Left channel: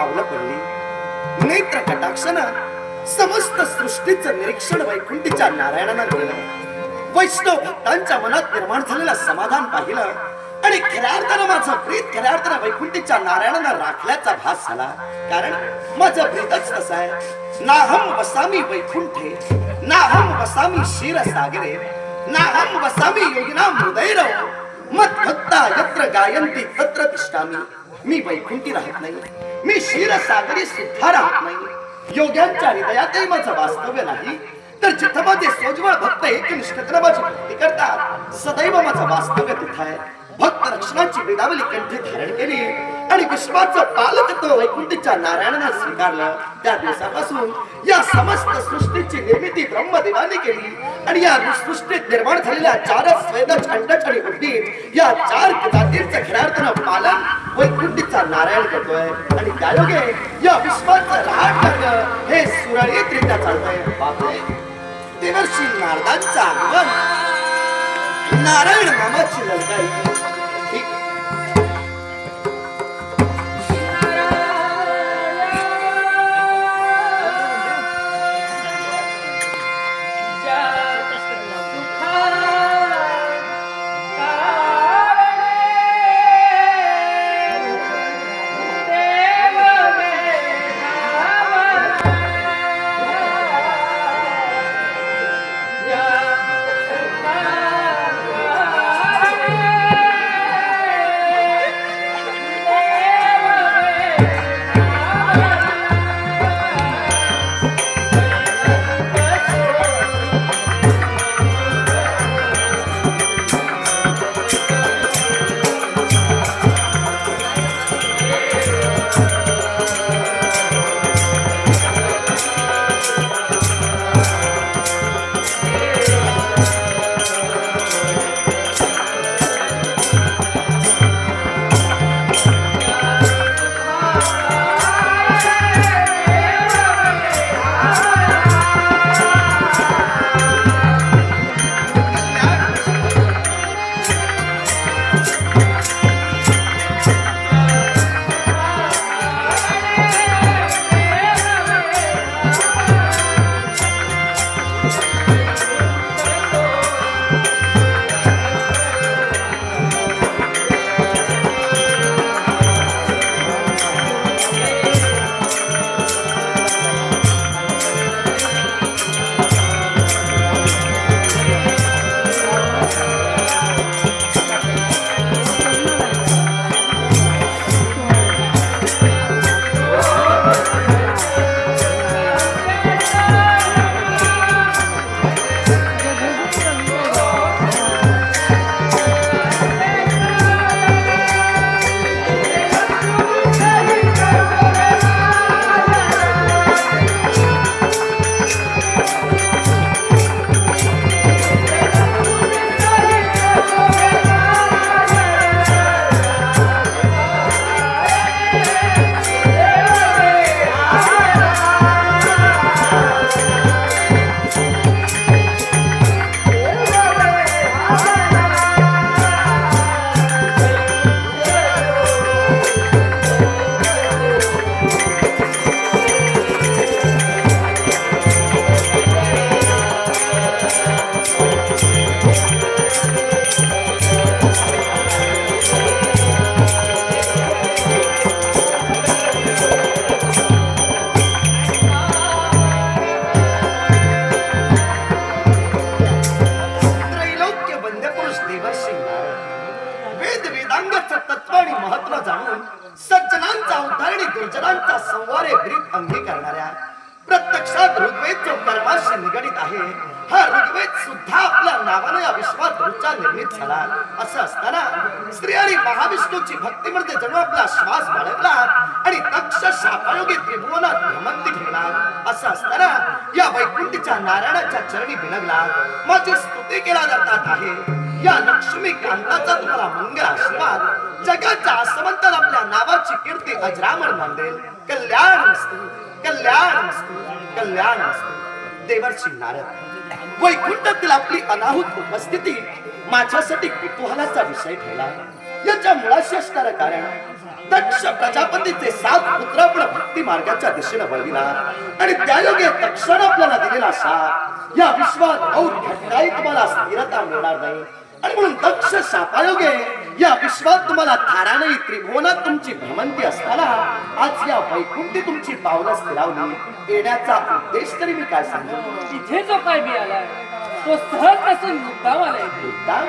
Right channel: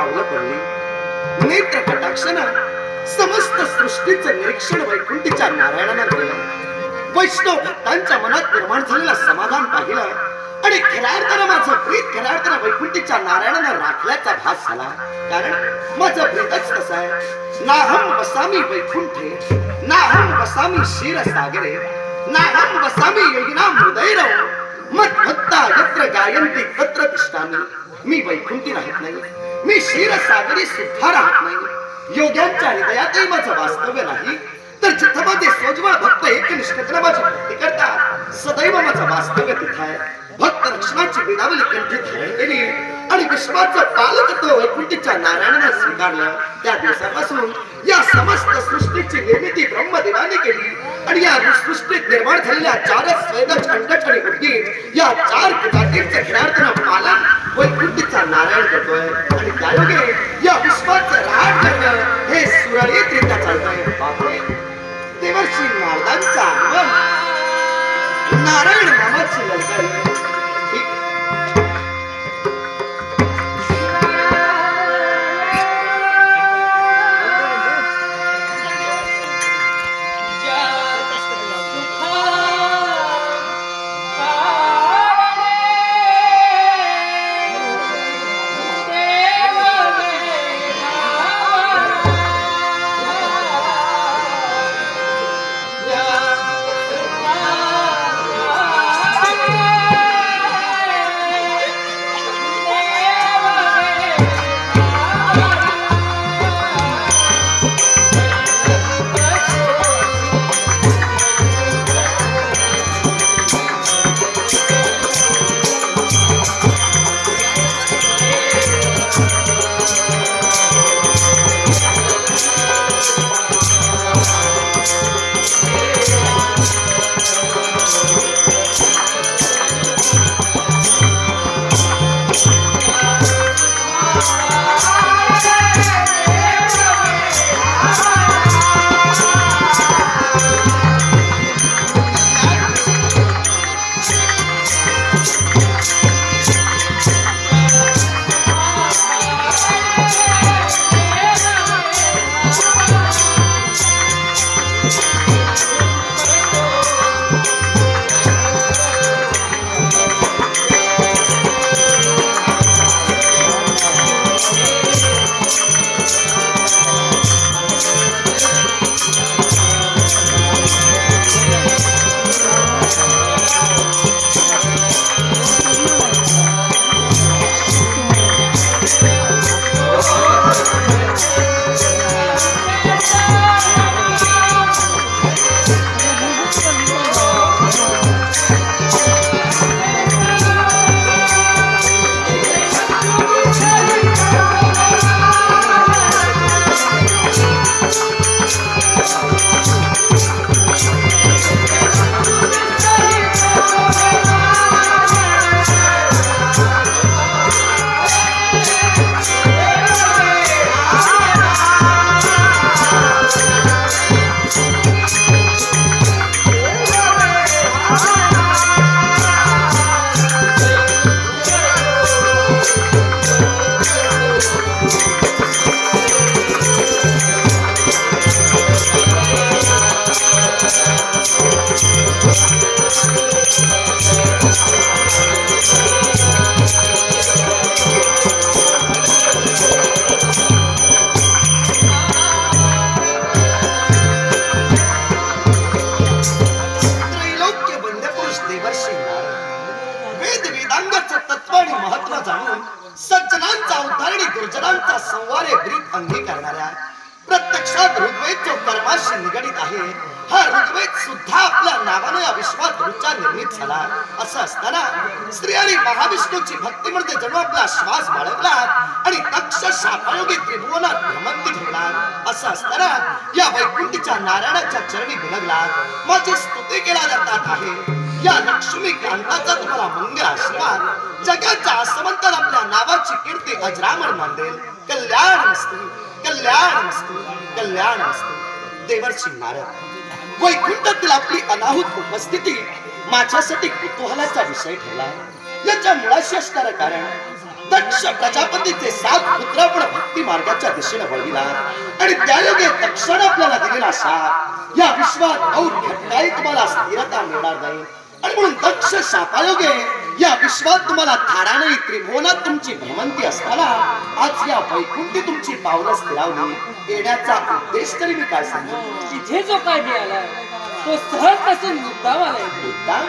पावलं पडली. नेत्र कटाक्षानं समस्त सृष्टीचं निरीक्षण वैकुंठीच्या नारायणानं केलं. वैष्णव भक्तांच्या मनात निर्माण झालेलं समाधान पाहिलं आणि खऱ्या अर्थानं माझं प्रीत खऱ्या अर्थानं वैकुंठीच्या नारायणानं राखल्याचा भास झाला. कारण माझं प्रीतच कसं आहे, नाहम वसामी वैकुंठे नाहम वसामी क्षीरसागरे नाहम वसामी योगिनां हृदयरो मद्भक्ता यत्र गायन्ति तत्र तिष्ठामि. मी वैकुंठी राहत नाही, मी क्षीरसागरी सुद्धा राहत नाही. योग्यांच्या हृदयातही माझं वास्तव्य नाही, तर जिथं माझे सोजवळ भक्त एकनिष्ठतेने माझी भक्ती करतात सदैव माझं वास्तव्य तिथं आहे. भक्त रक्षणाची वेदावली कंठी धारण केली आणि विश्वाचं पालकत्व वैकुंठीच्या नारायणानं स्वीकारलं. त्या दिवसापासून या समस्त सृष्टीची निर्मिती ब्रह्मदेवाने केली आणि या सृष्टीत निर्माण झालेल्या चारच स्वेद छंडच आणि उद्गीत या चार जातींचं खऱ्या अर्थानं पालन वैकुंठीचा नारायण करतोय. आणि त्यायोगे या विश्वाचं राहत करणं हे सुरळीतरित्या चालतंय. बापरे, देवर्षी नारदांचं आगमन, नारायण नामाची ललकारी. सज्जनांचा उद्धार आणि दुर्जनांचा संवार हे ब्रीद अंगीकारणाऱ्या प्रत्यक्षात ऋग्वेद जो कर्माशी निगडित आहे, हा ऋग्वेद सुद्धा आपल्या नावानं या विश्वात ऋचा निर्मित झाला. असं असताना श्री आणि महाविष्णूची भक्ती म्हणजे जणू आपला श्वास बाळगला आणि दक्ष शापायोगी त्रिभुवनात भ्रमंती ठेवला. असं असताना या वैकुंठीच्या नारायणाच्या चरणी बिलगला. माझी स्तुती केला जातात आहे. या लक्ष्मी कांताचा तुम्हाला मंगल आशीर्वाद. जगाच्या आसमंतात आपल्या नावाची कीर्ती अजरामर नांदेल. कल्याणमस्तु कल्याणमस्तु कल्याणमस्तु. देवर्षी नारद, वैकुंठातील आपली अनाहूत उपस्थिती माझ्यासाठी कुतूहलाचा विषय ठरला. याच्या मुळाशी असणारं कारण दक्ष प्रजापतीचे 7 पुत्र आपण भक्ती मार्गाच्या दिशेने वळविला आणि त्यायोगे दक्षाने आपल्याला दिलेला शाप या विश्वात अवघ्या काही तुम्हाला स्थिरता मिळणार नाही आणि म्हणून दक्ष शापायोगे या विश्वात तुम्हाला थारा नाही त्रिभुवनात तुमची भ्रमंती असताना आज या वैकुंठी तुमची पावलं स्थिरावली येण्याचा उद्देश तरी मी काय सांगू इथे जो काय मी आलाय तो सहज नसून मुद्दाम आलाय मुद्दाम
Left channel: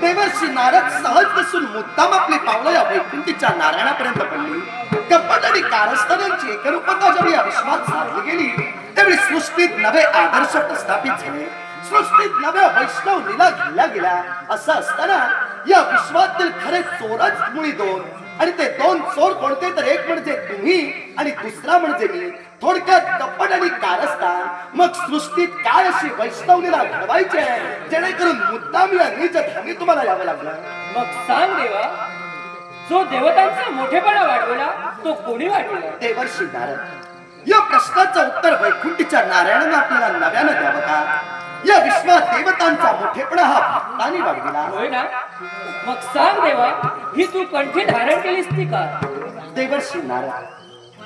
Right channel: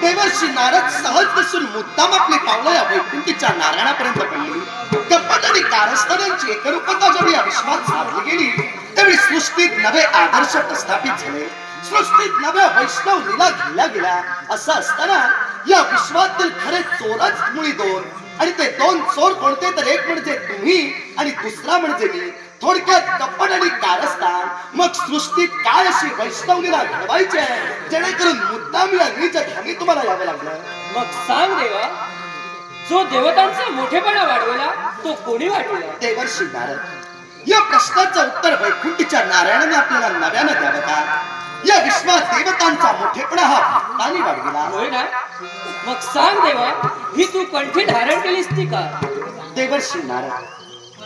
देवर्षी नारद सहज नसून मुद्दाम आपली पावलं या वैकुंठीच्या नारायणापर्यंत पडली कपट आणि कारस्थानांची एकरूपता जेव्हा या विश्वात साधली गेली त्यावेळी सृष्टीत नवे आदर्श प्रस्थापित झाले सृष्टीत नव्या वैष्णव लीला घेतल्या गेल्या असं असताना या विश्वातील खरे चोरच मुळी 2 आणि ते 2 चोर कोणते तर एक म्हणजे तुम्ही आणि दुसरा म्हणजे मी थोडक्यात कपट आणि कारस्थान मग सृष्टीत काय अशी वैष्णव लीला घडवायची आहे जेणेकरून मुद्दाम या नीच धामी तुम्हाला यावं लागलं मग सांग देवा जो देवतांचा मोठेपणा वाढवला तो कोणी वाढवला देवर्षी नारद या प्रश्नाचं उत्तर वैकुंठीच्या नारायणानं आपल्याला नव्यानं द्यावं का या विश्वात देवतांचा मोठेपणा हा भक्तांनी वाढविला होय ना मग सांग देवा ही तू कंठी धारण केलीस ती का देवर्षी नारद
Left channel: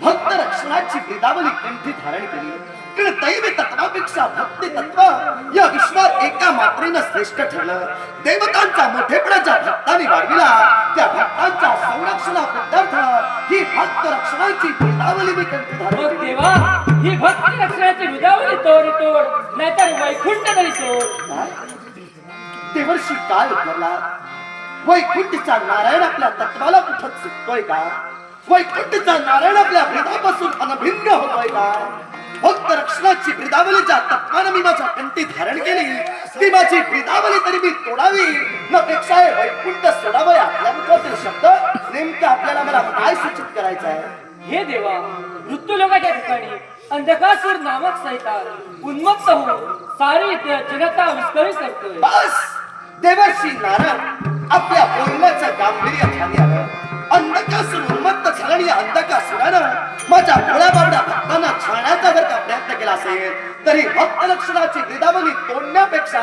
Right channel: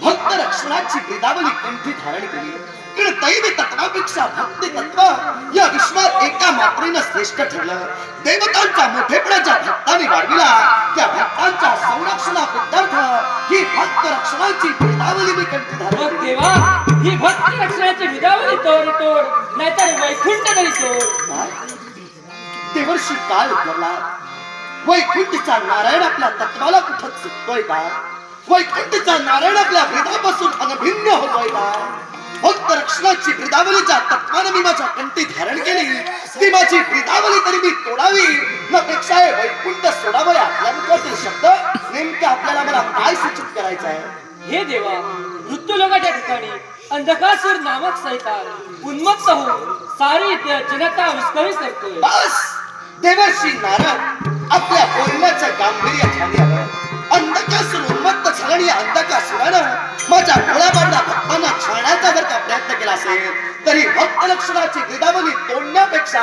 भक्त रक्षणाची ब्रिदावली कंठी धारण केली पण दैवी तत्वापेक्षा भक्ती तत्व या विश्वात एका मात्रेनं श्रेष्ठ ठरलं देवतांचा मोठेपणा ज्या भक्तांनी वाढविला त्या भक्तांच्या संरक्षणाबद्दल ही भक्त रक्षणाची ब्रिदावली मी कंठी धारण मग केली देवा ही भक्ती रक्षणाची हृदयावली तोड नाहीतर वैकुंठ तरी सोड काय? देवर्षी काय उतरला वैकुंठीचा नारायण आपल्या तत्वाला कुठं चुकतोय का वैकुंठीचा नारायण आपल्या ब्रिदापासून अनभिन्न होतोय काय भक्त रक्षणाची ब्रिदावली ज्या तत्वानं मी माझ्या कंठी धारण केली ती माझी ब्रिदावली तरी मी तोडावी न पेक्षा वैकुंठ सोडावं आपल्या मुखातील शब्द नेमके आपल्याला मला काय सूचित करायचं आहे हे देवा मृत्यूलोकाच्या ठिकाणी अंधकासूर नामक सैतान उन्मत्त होऊन सारी जनता विस्कळीत करतोय बस देवर्षी नारद आपल्या बोलण्याचं गांभीर्य ध्यानी आलं अंधकासूर उन्मत्त झालं आणि अंधकासुरानं माझ्या भोळ्या बाबड्या भक्तांना छळण्याचा जर का प्रयत्न केला असेल तरी भक्त लक्षणाची ब्रिदावली तोडण्यापेक्षा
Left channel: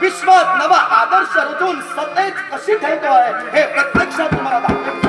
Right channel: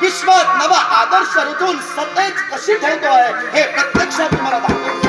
विश्वात नवा आदर्श रुजून सतेज कशी ठेवतोय हे प्रत्यक्षात तुम्हाला दाखवेल